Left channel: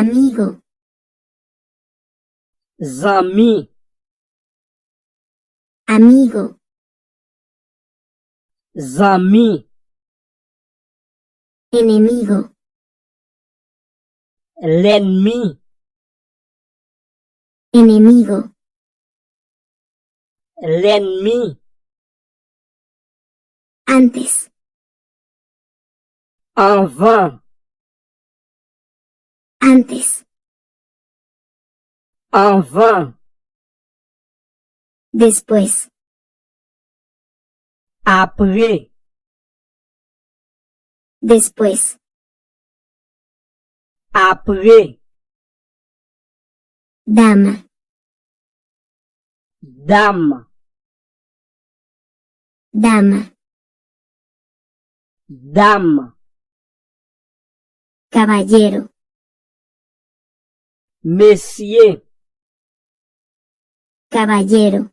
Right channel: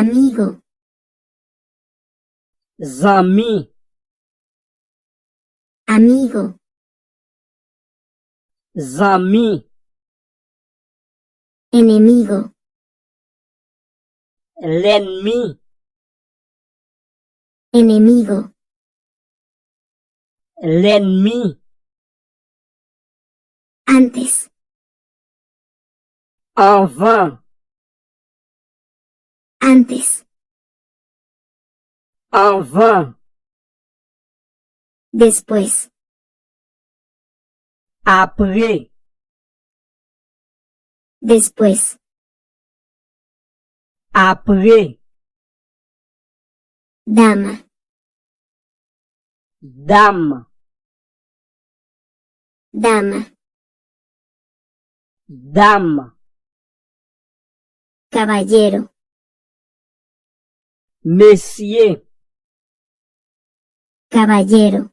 amigo, zami, amigo, zami, enemigo, l'ennemi, enemigo, l'ennemi, antes, avant, antes, avant, después, après, después, après, dama, dame, dama, dame, caballero, messieurs, caballero,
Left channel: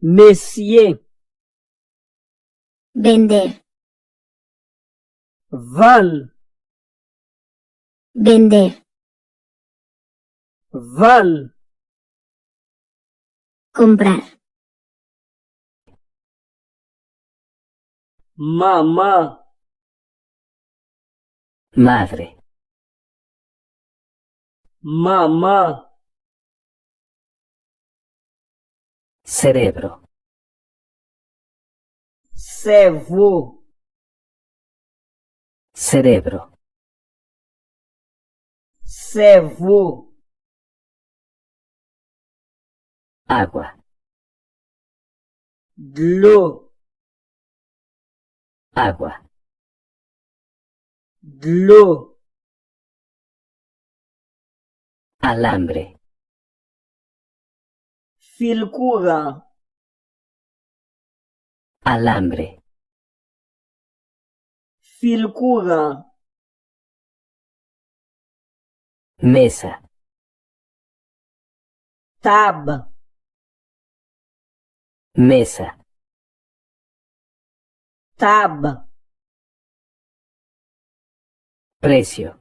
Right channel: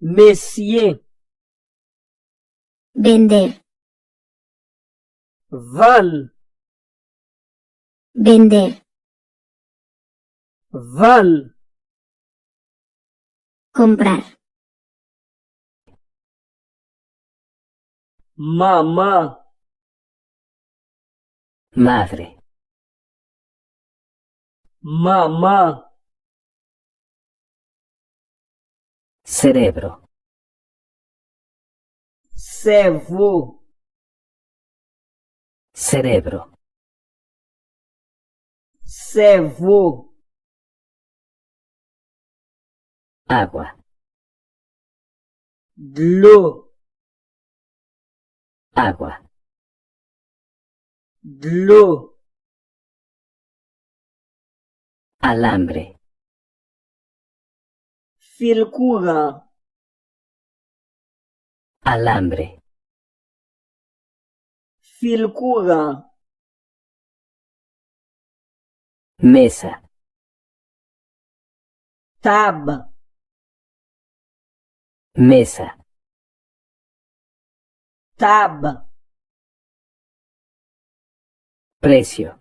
messieurs, vender, vendre, vender, vendre, comprar, maman, madre, maman, cerebro, cerveau, cerebro, cerveau, agua, de l'eau, agua, de l'eau, alambre, fil courant, alambre, fil courant, mesa, table, mesa, table, precio,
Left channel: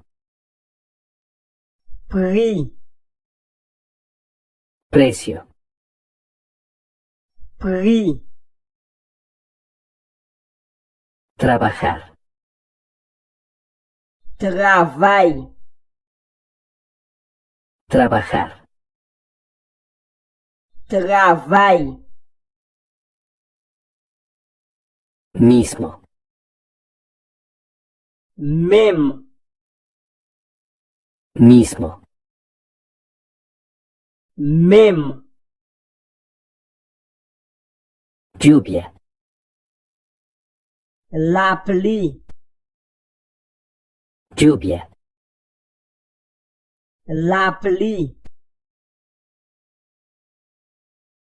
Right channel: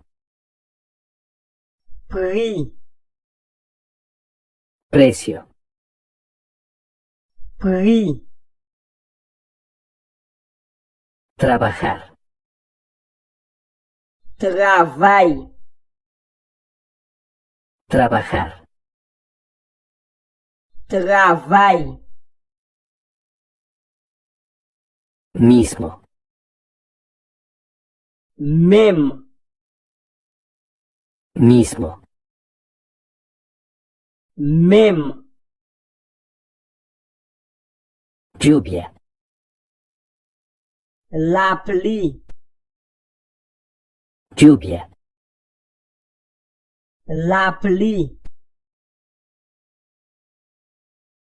prix, precio, prix, trabajar, travail, trabajar, travail, mismo, même, mismo, même, lluvia, la pluie, lluvia, la pluie,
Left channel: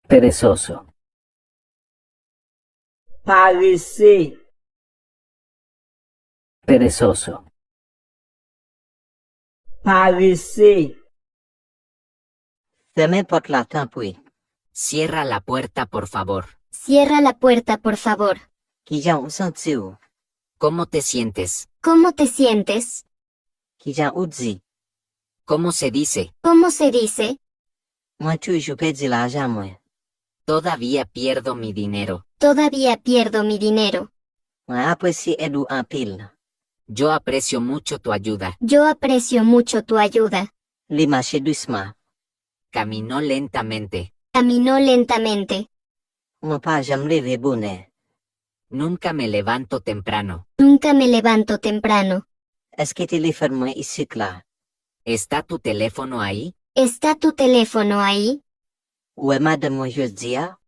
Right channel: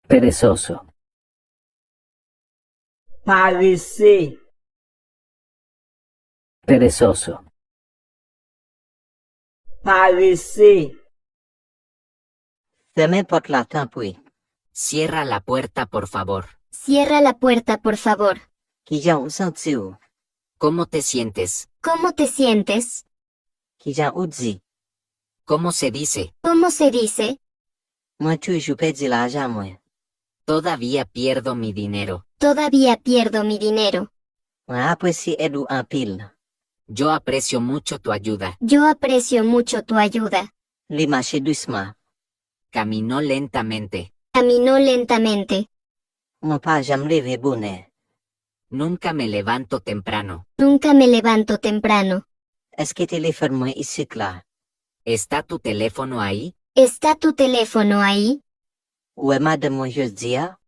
perezoso, paresseux, perezoso, paresseux, Fermez porte la tampoui. Cierra la puerta, por favor. cierra la puerta, por favor, Qui jan ou senti ou? ¿Cómo te sientes? ¿cómo te sientes? Qui jan ou di? ¿Cómo se dice? ¿Cómo se dice? Mwen toujou pedi l'ajan mwen. Todavía pierdo mi dinero. Todavía pierdo mi dinero. Mwen apresi ed ou anpil. Yo aprecio mucho tu ayuda. Yo aprecio mucho tu ayuda. Li mache douceman. Caminó lentamente. Caminó lentamente. Mwen pa jam leve bonè. Nunca me levanto temprano. Nunca me levanto temprano. Eske telefon mwen isik la? ¿Está tu teléfono ahí? ¿Está tu teléfono ahí? Ou e madame mwen jous di ya?